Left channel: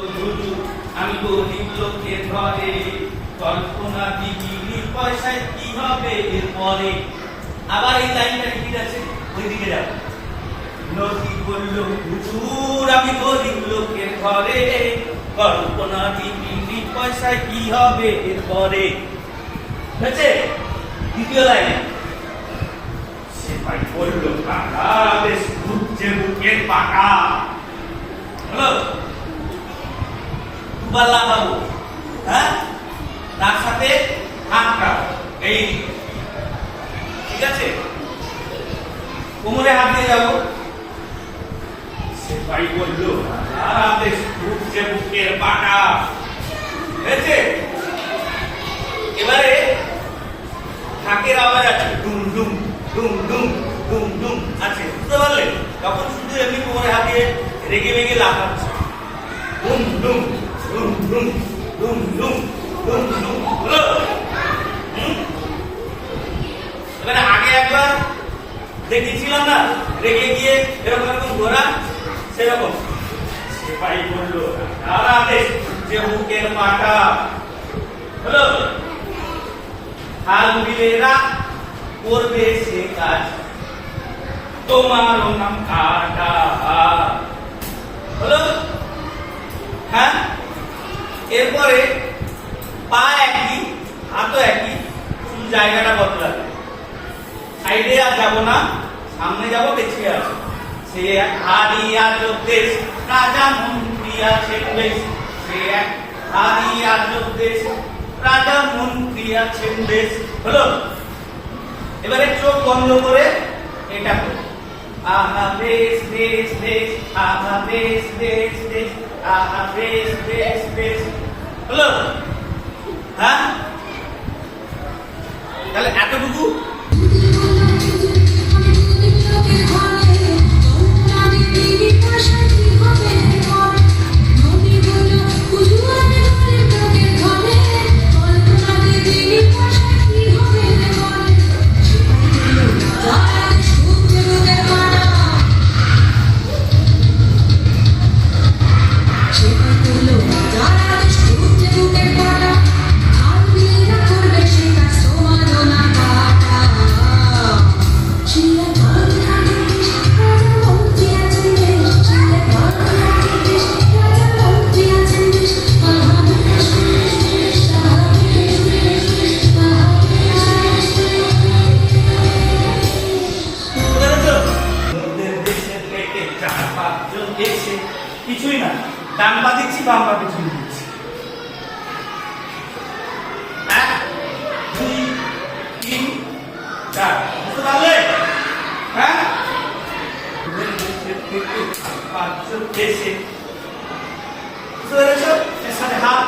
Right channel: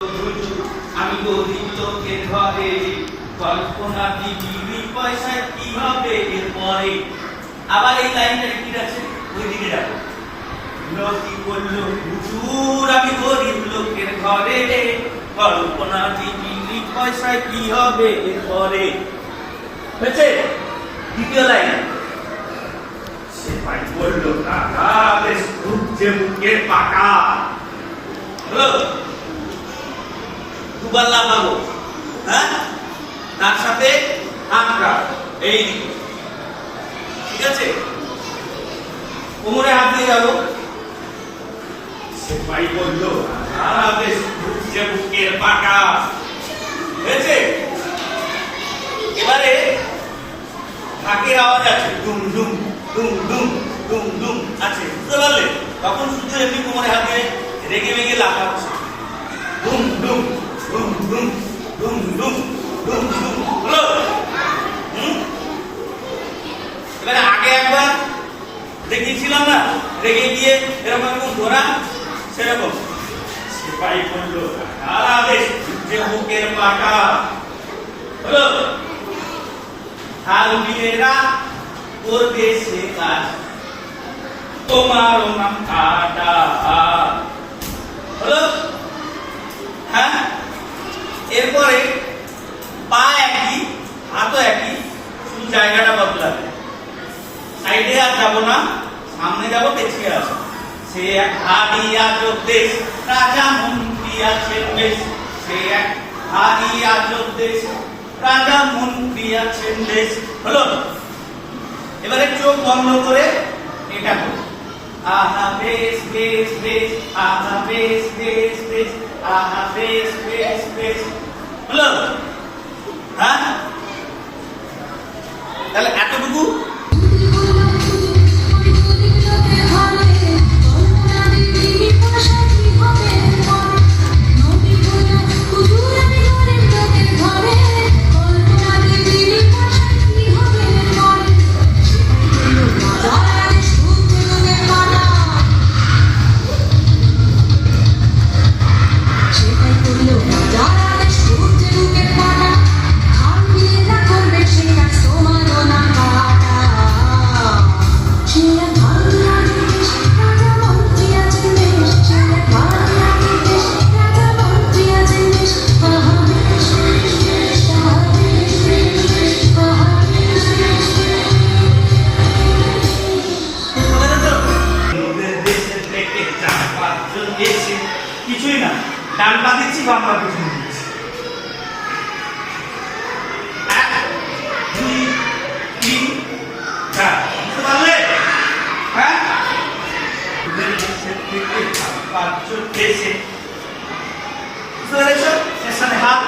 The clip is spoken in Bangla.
আমি গরিব লোকের ঘরে কল্পনা বিক্রি পয়সায় কি হবে এরপরে। আবার এই লাইনটা রিপিট আছে, ওই দিকে যাবো। নদী বলল হুজুর আমি গরিব লোকের ঘরে কল্পনা বিক্রি পয়সায় কি হবে এরপরে। হয়েছে দ্বিতীয় লাইন। সে ভাই বলল কাকা বেশ ঘুরছে বুকের পাকা। হলো দুবার লাগাবো, হ্যাঁ, তার সাথে হাতটা এই, ঠিক আছে, কোমরে হাত দিয়ে যাবো। সে ভাই বলল বেশ ঘুরছে বুকের পাটা। হয়েছে। এবারে ঢাকের আওয়াজ আছে, ডুম ডুম ডুম ডুম ডুম ডুম আছে, বুঝতে পারলে? তখন শুধু এমনি কোমরে হাত দিয়ে রেগে মেগে লাফাচ্ছে, ডুম ডুম ডুম ডুম ডুম ডুম ডুম ডুম। হলো? এবারে আগে একবার দেখিয়েছিলাম না, রেগে গিয়ে এরকম এরকম ধরা, সেরকম। সেপাই বললো সারা দেশ যে বুকের পাটা। হলো? হালবিলেরা করবে সে কাজ, তোমারও নাম কাটা। হলো? হ্যাঁ, এরপরে পা একই, হাতও একই, শুধু জায়গাটা বদলাবে। সাইডে আর যাবো না, সামনে যাবো, পেছিয়ে আসো। সে এক হারিয়া দেশ, রাজা মন্ত্রী আছেন বেশ। সে এক হারিয়া দেশ, রাজা মন্ত্রী আছেন বেশ। হলো? এবারে চোখ বন্ধ করে এটা করো। আহা বেশ বেশ বেশ, আহা বেশ বেশ বেশ, আহা বেশ বেশ বেশ। হলো? হ্যাঁ, তাহলে এতটুকু। কিছুই না, ডান পা দিচ্ছি, বাম পা পিছনে দিচ্ছি। 1 2 3 4, বুঝতে পারলে? হ্যাঁ, থেকে 5 দেশে, বুঝতে পেরেছো? এর সাথে হাত